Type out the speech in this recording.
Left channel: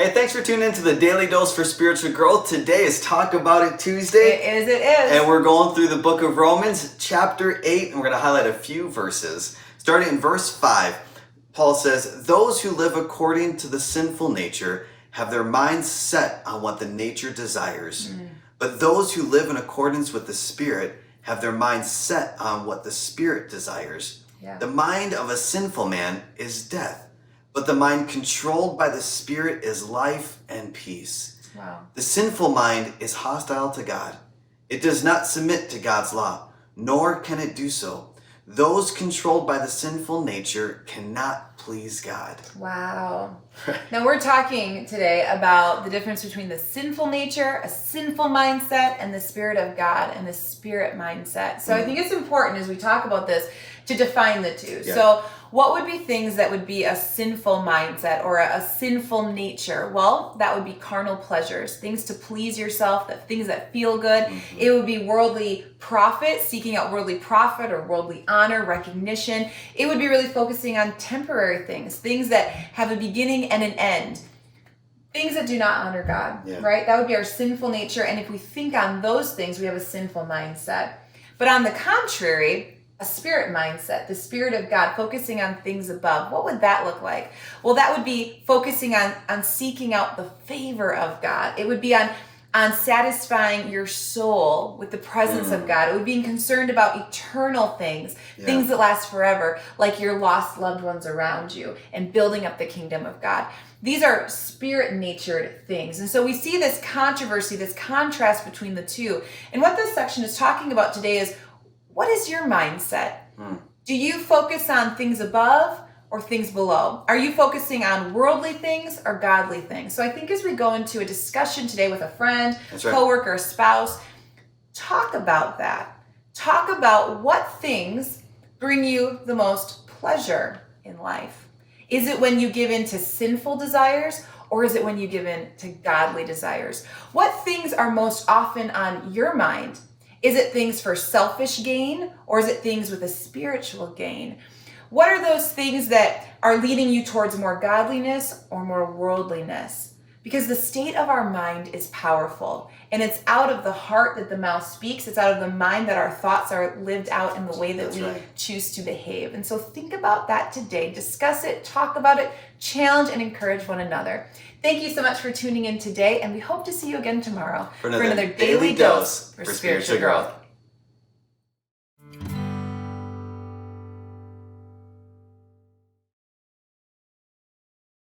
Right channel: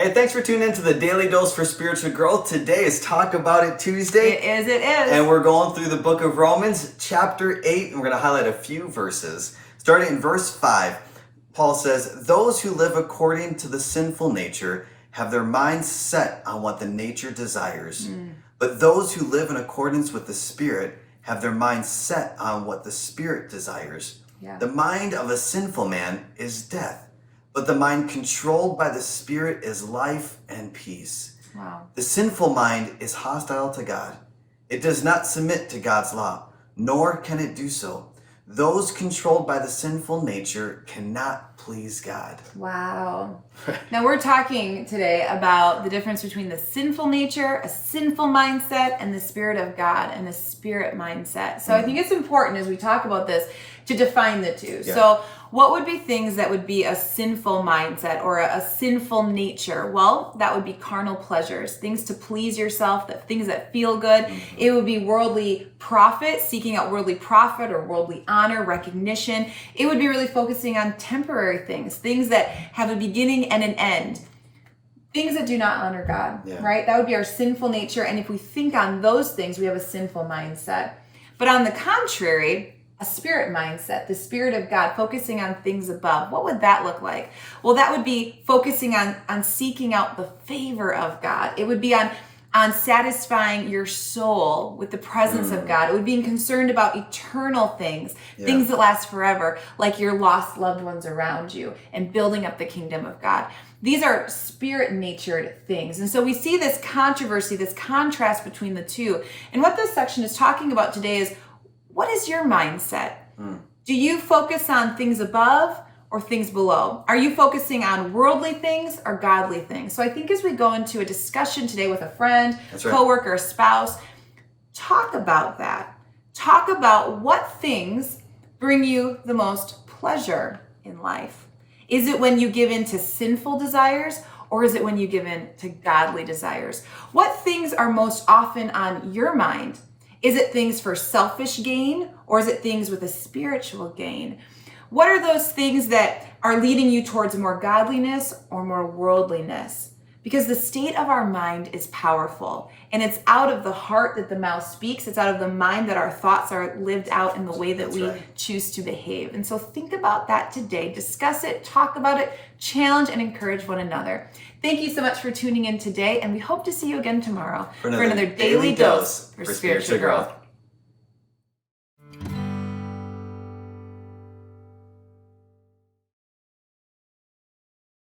Hey, thanks for tuning in to the Daily Dose for Spiritual Growth. Today is Talk About It Tuesday. It is. And we're going through the book of Romans, chapter 8, and we're going to highlight a few verses. Starting in verse 5, Paul says, "Those who live according to the sinful nature have their minds set on what the nature desires. But those who live in accordance with the Spirit have their minds set on what the Spirit desires. Yeah. The mind of a sinful man is death, but the mind controlled by the Spirit is life and peace. Wow. The sinful mind is hostile to God. It does not submit to God's law, nor can it do so. Those controlled by the sinful nature cannot please God." Wow. Now we're talking today about the difference between the sinful nature, a sinful mindset, and the Spirit of God and the Spirit mindset. So I think it's important as we talk about this to define the two. Yeah. So what would be things that would be a sinful mindset or a sinful nature? Well, that would be carnal pleasures, things to please yourself, things that feel good. It would be worldly profit, seeking out worldly profit or worldly honor, recognition. It would be really focusing on temporary things, things that have a beginning and an end. Things that do not honor God, right? That would be our sinful nature. And if we think on those things, we have a sinful mindset. But on the contrary, a spirit mindset, the Spirit of God, focusing on things above. What would that look like? Well, that would be focusing on seeking out the favor of God. It would be on satisfying your soul with the presence of God. It would be concerned about eternal things, things that last forever, like your lost loved ones around you, and building up the kingdom of God. These are spirit-natured things. And so we see this controversy, this contrast between the two. And what this section is talking about today is, what is your mindset? Do you focus on things above or things below? Are you focusing on worldly things or godly things? So I think as we go into a discussion today with a friend, coworker, spouse, talk about that. Talk about what things bring you the most pleasure in life. Is it when you give in to sinful desires, or is it when you give in to godly desires? What things are most often on your mind? Is it things for selfish gain, or is it things with a spiritual gain? What are those things that are leading you towards more godliness or more worldliness? Because the state of our mind is powerful, and it's out of the heart that the mouth speaks. It's out of the mind that our thoughts are lived out in the way that we choose to behave. And so think about that today. Discuss it, talk about it, challenge and encourage one another. Thank you so much for tuning in today, and we hope to see you again tomorrow for another Daily Dose for Spiritual Growth.